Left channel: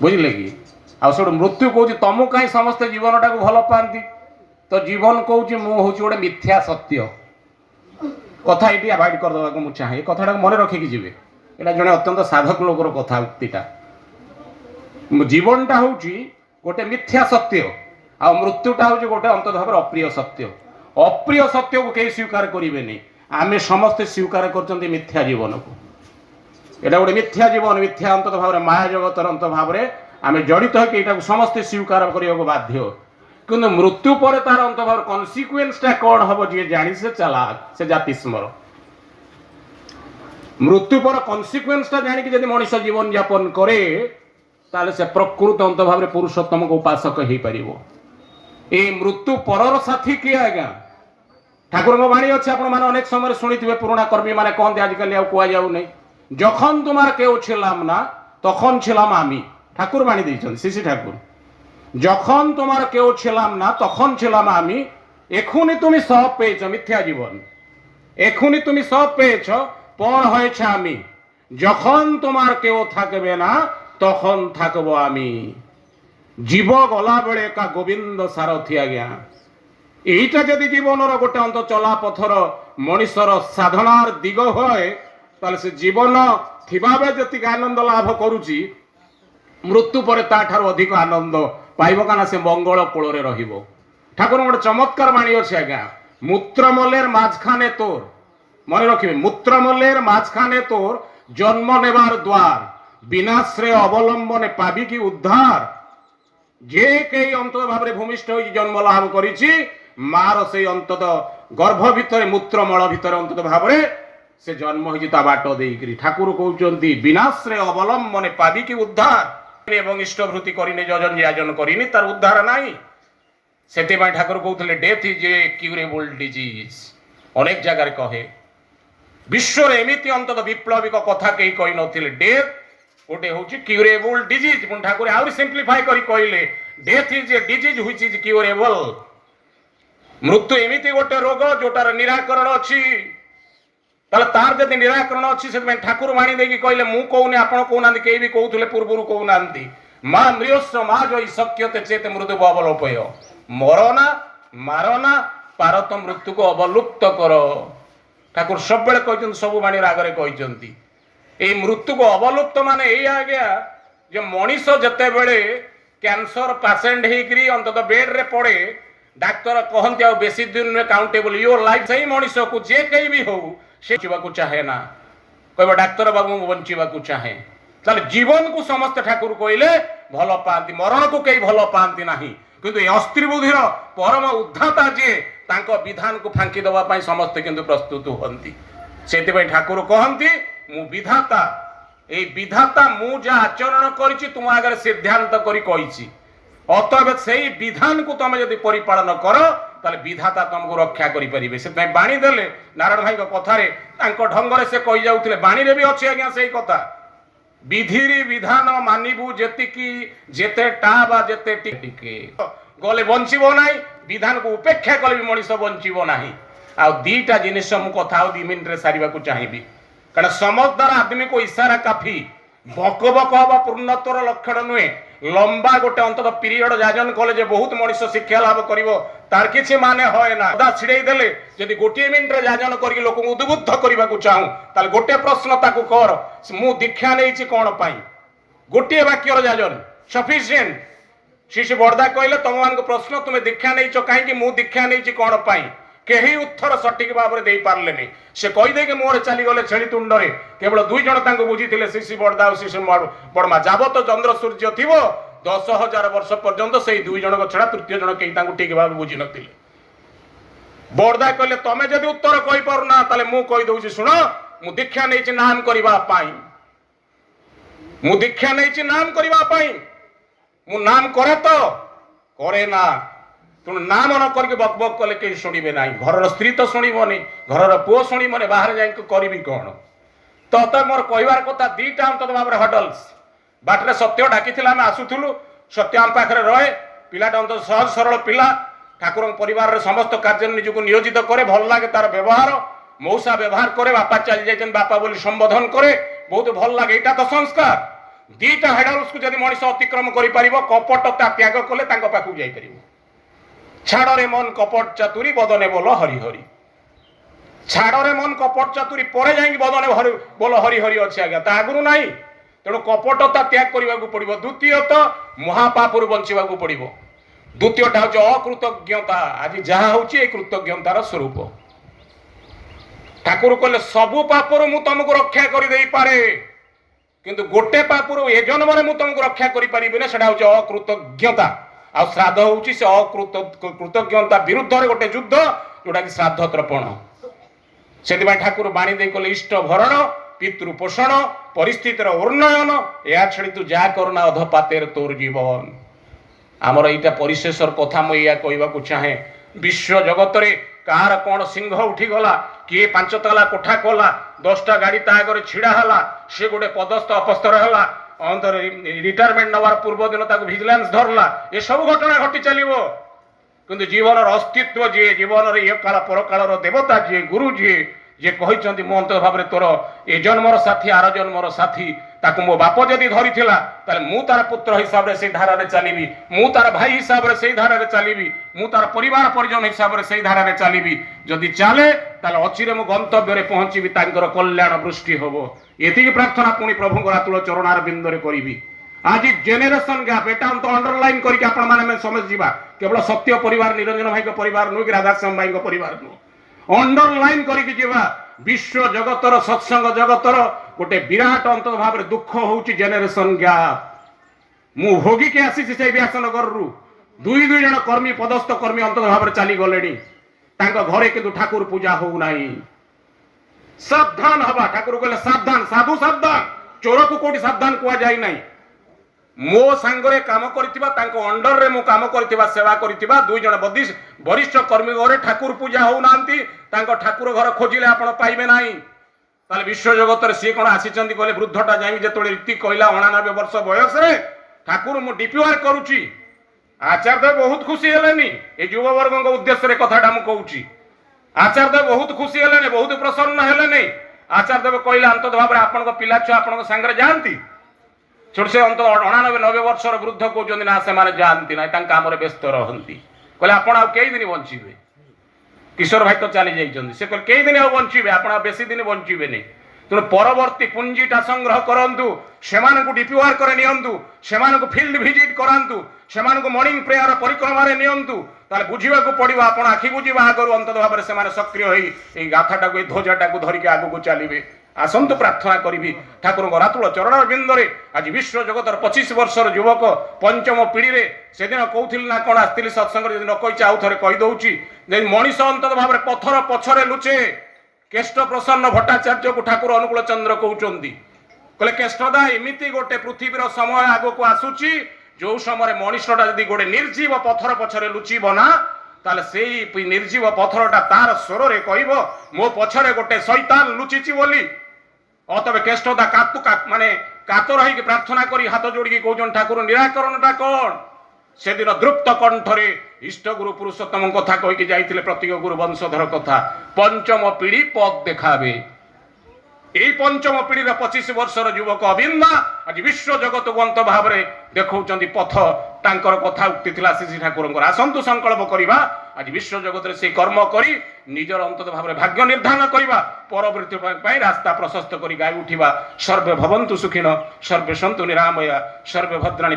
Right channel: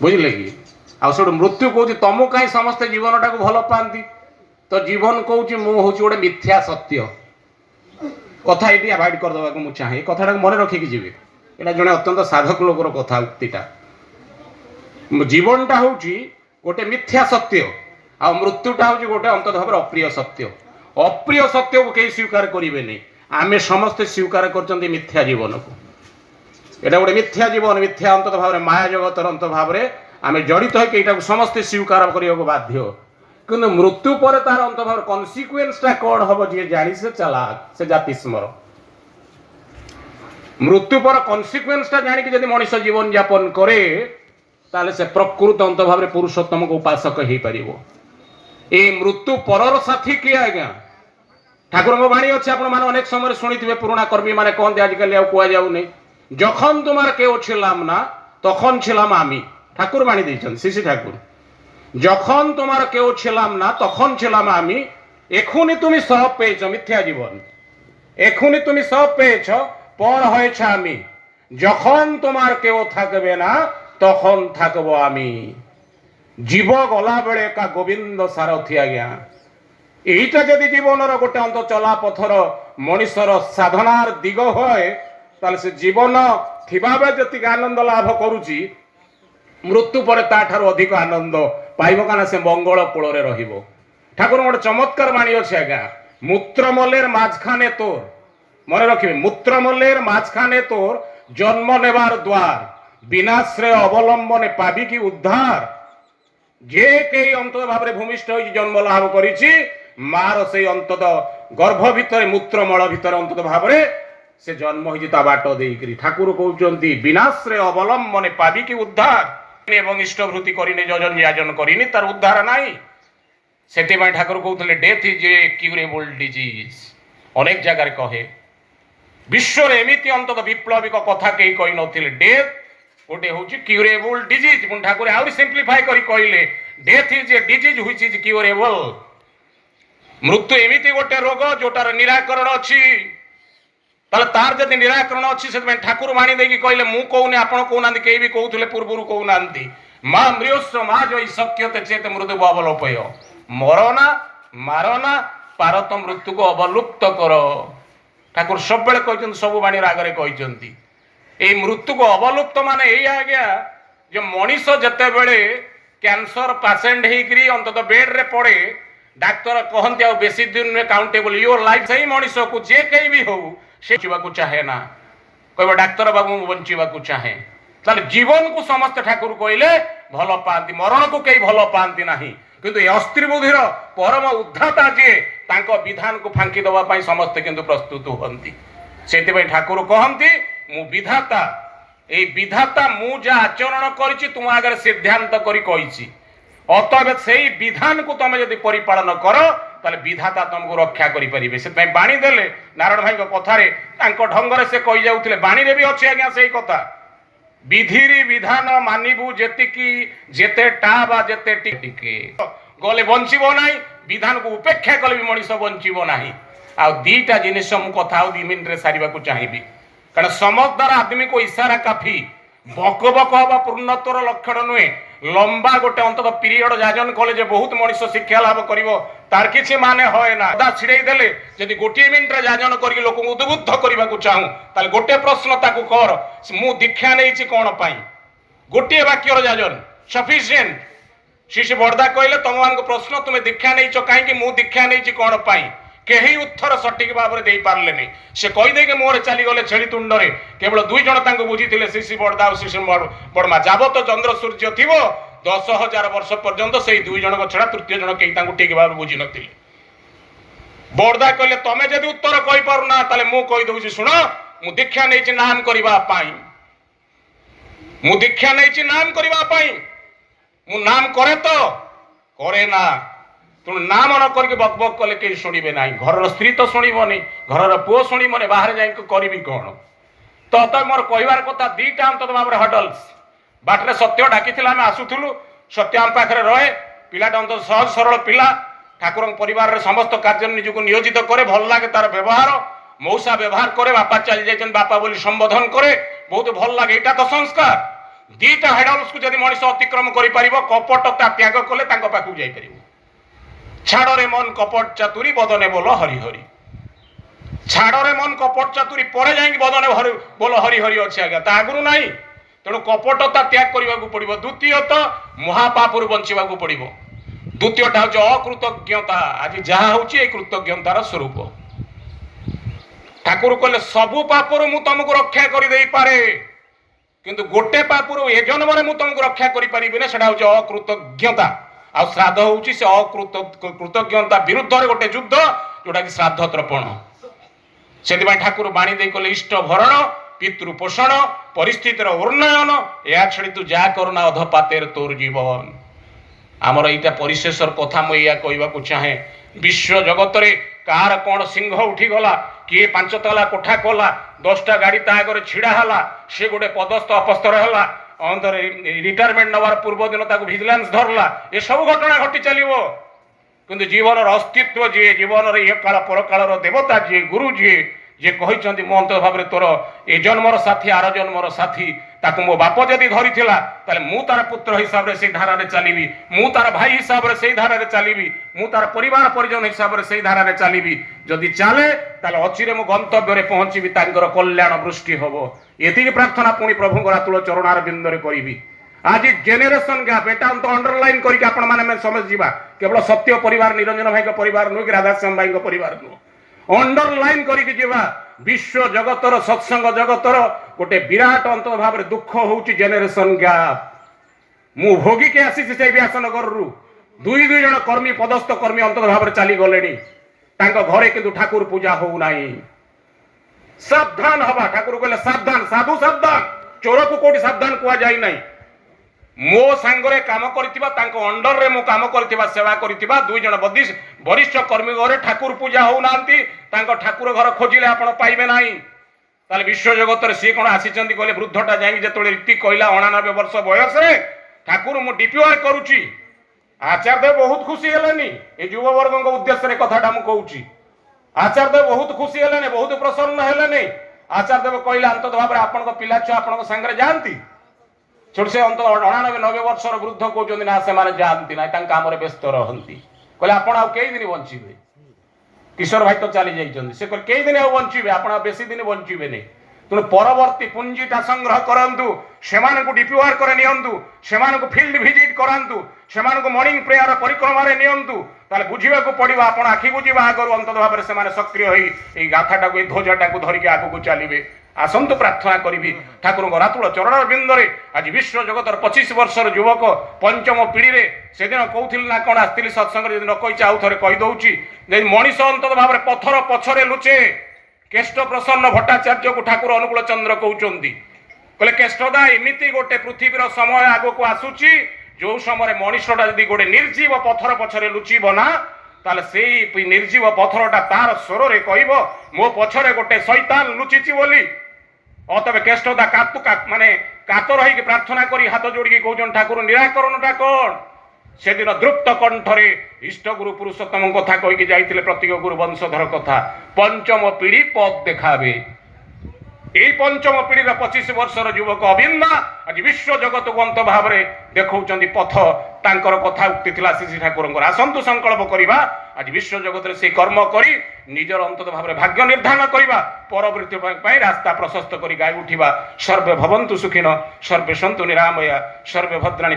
बुझिले कि आउ मृत्यु कौच तुम कहीं समस्ते जीवन टाक भल पाती तो जीवन कौच मु हूँ गोटे मिथ्या सत्य कथा ये आवाइड करदेवा को मुझे चाहे कथा मन रखिकी जी यहाँ जड़े अत्यंत साधक लोकर कथाटा जीवनटा हूँ गोटे मिथ्या सत्य आ मृत्युटा हूँ गोटे अंत भाव अप्रिय सत्य को कहीं स्वीकार करेंगे नहीं आम समस्ते स्वीकार कर मिथ्या जीवन को यहाँ गोटे मिथ्या जीवन मिथ्या अंत भाव माया जगतर अंत भाव आम जड़ित है समस्ते स्वीकार करने को बाध्य किंतु मृत्यु पर तार अंत भाव कन्सिक्वेन्सटा कौन हम जी जानी से चालाक से जाति स्मर मृत्यु पर कन्सिक्वेन्सटा जानिक जब मनुष्य जीवन यापन करे ताले से प्रकृत अंत भाव पुरुषोत्तम को उपासक हो पार ये मृत्यु पर साथी किए आज्ञा ठाकुर बाणी अच्छे अनेक समय शुणी पुराणा कर्मी मैंने कहते आजिकल कहुना जखन तुम्हार केउ छिलाम ना तखन छिलाम आमी ठाकुर बाणी देइछन श्री ठाकुर जखन तुम्हार केउ छिलाम ना तखन छिलाम आमी एखुनी तुम सब पेয়েছ मिथ्या जीवन एखुनी तुम सब पेয়েছ पण হয়েছ आमी जखन तुम्हार केउ थाकबे ना तखन थाकबो आमी जीव गला बेले का गोविंद सारथी आज्ञा এইটা যদি জীবনের গোটে অন্ত চলা পথর মনিষর সাধনার দিগ হয় তাহলে সে জীবন থিবাবে যেত আনন্দ লাভ করুচি মৃত্যু পরে তাঠার অধিক আনন্দ পাইব কানা সে মঙ্গল কূଳରେ রহিব ঠাকুর গোটে চমৎকার বাণী আছে আজ্ঞা মূত্রমলের মাঝখানে তোর মনে রাখিবে মূত্রমলের মাঝখানে তোর জন্ম নেবার দ্বার বিনাশ্রয় অবলম্বনে পাবি কি উদ্ধার যে কেই অন্তত ভাবে ভূমিষ্ঠ হয়ে জন্ম লাভ করেছি মার সেই অন্তত গর্ভ ভিতরে মূত্রমল ভিতরে অন্তত ভাবে से जन्म हो बाट देकरी ठाकुर कहते विनाश्रय अवलंबने पाबी कि उद्धार एवं इष्टभूति करिने जजन याजन करिनी तार उद्धार नाई से ठाकुर कहते death is a curable disease अनेक जगार कहे विश्व एमती अंत विप्लविक कथा कहीं कही नथिले डेथ गोटे हूँ क्यूरेबल डिजीज ठाकुर आउरी सिंप्लीफाई करी कहले death is a disease which is curable मृत्यु एमती गोटे रोग जोटार निराकरण अच्छी तार जब निराकरण अच्छी से ठाकुर वाणी देकी कहले मु कहूनी आपण कहना कई भी कहते पूर्व कहना माँ मृस्व माँ जो शक्यते चेत मृत्यु अवलोपय मरना मारना पारत मृत्यु को अवलुप्त कर ठाकुर सब कहते सब वाणी आगे कहते ये मृत्यु को अवलुप्त माने यही आज्ञा जो मनीष जिते बड़े कैंसर पेसेंट होकर अंतत बेड रे पड़े डाक्तर कहते बेसी दिन काउंटेबल योर लाइफ से ही मनीष को जे कहीं भी हो से बचावा चाहे ना कह डाक्तर बाबू बंचा चाहे ताले जीवन को समस्त ठाकुर कहले भल पाती मरण को कई भल पाती ना किंतु अस्त्री बुद्धिर परम उद्धाता जे तांको विधान को फांकी दवाई समस्ते किंतु प्रस्तुत होती से ठाकुर कहती मु विधाता ए विधाता मु जा आचरण करी तुम आगे सिद्धांत करी अतएव से विधान को तुम यदि परिपालन कर ताले विधाता तुमको रक्षा करें से बाणी देले नारायण भाई कथारे ढंगर से कही जाऊे बाणी भी अच्छे आज्ञा से कथा विधि विधान मानिबू जेतिकी जेते टा बा जेते टिके गले बंचब ना विधान को उपेक्षा कले भी मनीष बंचब ना आ दीटा जिनिस मु कथा 2 मिनिट सारे चाहिए कारण समझदार आदमी को इशारा काफी बक बक हवा पूर्णत्वर लक्षण नुहे लंबा गोटे अंतत पीरियड जाजन कले बहुत मनीष शिक्षा लाभ कर तार किसी माने है ना अदा छिड़े देले जदि गोटे मिनिट जाजन कर लोक उद्बुद्ध करने को चाहूँ ताल गोटे प्रश्न ताकू कर मु दीक्षा नहीं कौन पाई गोटे वाक्यर जाजन सफिशिएंट शिशु बड़दा कहले तुम मान प्रश्न तुम्हें दीक्षा नहीं कहीं मु दीक्षा नहीं कौन पाई कहीं उत्तर सठिक भाव में दे पारे से कहीदे कि मोहरे चलीगले छेली तुंडरे केवल 2 जन बुझी शिशु बड़दा और शिशु बड़मा जाबत चंद्र सूर्य थी 10,000 वर्ष पर्यंत से 2 जन छड़ा तृतीय जन कहीं ठीक भाव बुझी नी बड़दा कहले तमें जब उत्तर कही पारना ताले मु कही दउछि सुन मु दीक्षा नहीं नाम करबा पाई मु दीक्षा नहीं नाम करबा पाई मु नाम करे तो करे ना तुम नाम न करके बक बक कले कहीं शुणे ना घर स्त्री तो शुणबनी घर पुओ शुणबनी बाहर जा करी कौन तो मोर कहबार कथा 2टा अंत भाव हडल्स बाटे सत्य डाकी आम आसुलु सत्य आम पाखे रहे पिलाटा अंत सहज सरल पिला ठाकुर परिवार समस्त कार्य निजक नियोजित करे भल लगे तार व्यवहार मौसा व्यवहार करे बापा चली जाइछन बापा बोली संबोधन करे बहुत भल लगे यहाँ तो संस्कार दीटा हेडल्स को जदि मनीष अतिक्रम कर कपटता त्याग कले पाखक जापर छाड़े मन कपट चातुरी बदने बोल हरि हरि छाड़े मन कपट चातुरी पर जा बदने बोल हरि हरि अच्छे आज्ञा ता आगु ना तेणु कपटता त्याग करने को पड़ो द्वितीयत महापापुर बंचा पड़ो द्वितीयटा हूँ अकृतज्ञता आज जहाँ हूँ कृतज्ञतार स्वरूप ठाकुर कहले सबु पापर मु तुमको रक्षा कर दे पारे किंतु गोटे पापर ए जन्म में तुमको रक्षा करें सेटा हूँ अकृतज्ञता आ श्राद्ध हूँ से कृतज्ञता विरुद्ध गोटे युद्ध जोटा कि श्राद्ध तर्पण से ठाकुर बाणी दे कहले इष्ट भरण पितृपोषण परिस्थितिर उन्नयन या छड़ी तू जा करना अधपातेर तोर जीवन आमर यहाँ परिशेषर कथा मुझे कहवाक चाहे विश्व जगत रे कार कौन सिंह उठीगला किए 5 ताला कोठा कला 10टा गाड़ी ता आगे छिड़ा हला से गोटे पदस्थ अपस्तर है अंतर रिटायरमेंट नवार पूर्व दिन भिजिलेंस धरला ये सब घटना घटी चलो किंतु जीवन अस्तित्व जी जीवन ये काल परकाल देवता जी गुरु जी जे कहते मो अंत भाव तोर ए जन्मर साथी आर जन्मर साथी ताकू मो बाप जदि धरी मु तार पुत्र हिसाब से धारा चलिबी मु तार भाई हिसाब से धारा चलिबी मु तार परिवार परिजन हिसाब से धारा चलिबी जदि चले अचिरे मु गंतव्य पहुंची कल्याण वृष्टि हम ये प्रार्थना पुणी प्रभु रातुल चरणार बिंदरे करी आज जेनेरेशन गैप एटा हम तो अंडरलाइन करके आपण माने समझ जीवा केवल सत्य परिवार निरंजन भाई परिवार नुह कि राधाश्याम भाई परिवार नुह अंडरलाइन करके जीवा विश्व जगतर सत्संग जगतर गोटे विराट अंत भाव दुख हूँ जेनेरेशन गैप मु भोगी के आसी से व्यासनगर रु दुई जन कर्मी पदस्थ कर्मी अंत भाव चली गले घरे किंतु ठाकुर पूजा हो नहीं सावधान हवा ठाकुर कहले सावधान साधु सावधान चोर को कोटी सावधान कह जाए ना मो सांगरे काम करथिबा तांको अंडर रे मो काम करथिबा सेवा करथिबा दुई जन वरिष्ठ कर्मी घरे ठाकुर पूजा हो नांती तांको ठाकुर घर खोजिले आपण पाइबे नाही ताले विश्व जगत रे सी कोन आसीचंती कहले वृद्धटा जाई जेतोले रीति कहला 89 वर्ष बयस रे ठाकुर मु डीपीआर करूची आचार्य बहुत खुशी हेलेनी ए युवा वर्ग को उद्देश्य रे कथाटा मु कहूची आचार्य बहुत खुशी हेलेनी बहुत प्रसन्न हेलेनी आचार्य कहला अंत भाव रे आपण को पिला छुआ आपण को संगरे जानती छोट से अंत 89 वर्षर वृद्ध कहते ना से जाती ना काम व्यस्त रहती कहले आप कई दिन बचे किशोर भाई तो चली जाइए से कई दिन बचे आप बेसी दिन बचे नहीं तेणु परवर्ती पुंजीटा संग्रह करूँ से डीपीआर कर नियंतु फील्ड विजिट करातु से मॉर्निंग प्रेयर परिक्रमा नियंतु ताले बुझा पड़ो आप आखि बुझा आगर अंत भाव से सक्रिय हो गाथाटा को ध्वजटा को धरिकी आगू चलिए आसंतु प्रार्थना करी ठाकुर रातुल चरण बिंदरे आज विश्व जगतर 25 वर्षर युवक पंचम पीढ़ी रे से दिन कहूल ना कौन आसती सत्संग न कही आउ थे कहीदे मनीष अंत भाव पथर पछरे लुचे केष्ट प्रसन्न भट्टाचार्य को ठाकुर अनुकूल चंद्र कहते कहले केष्टदा एमती गोटे पृथ्वीर समय आग को आसूची जो समय मनीषटा जदि गोटे निर्जीव पथर पछरे लुचिब ना ताले से निर्जीव पथरटा तार स्वर रे कहब मो पछरे गोटे शैतान लुचिची बोली अतबे केष्टदा माने कातर होई प्रार्थना करी हाथ जोड़ी कहउछन ठाकुर निराकरणटा कौन से दिन द्रुप्त कंठरे इष्ट गुरु पुरुषोत्तम कथा कहीकि जाइथिले प्रतीक गुरु वंशधर कथा पंचम पीढ़ी पद देखाबे यही पंचम पीढ़ी 25 वर्षर युवक अभिन्ना आज विश्व जगत को अंत भाव में देखौचंदी पथ तांकर कथा उक्ति थिला श्री ठाकुर आसंतु संकल्प करवा आज विश्व जगत रे से कर्म करी निजर अंत भाव में भाग्य निर्धारण करवा परवृत्ति रास्ता प्रशस्त करी गाय उठिबा सर्वे भवन्तु सुखिन सर्वे सन्तु निरामया सर्वे भद्राणि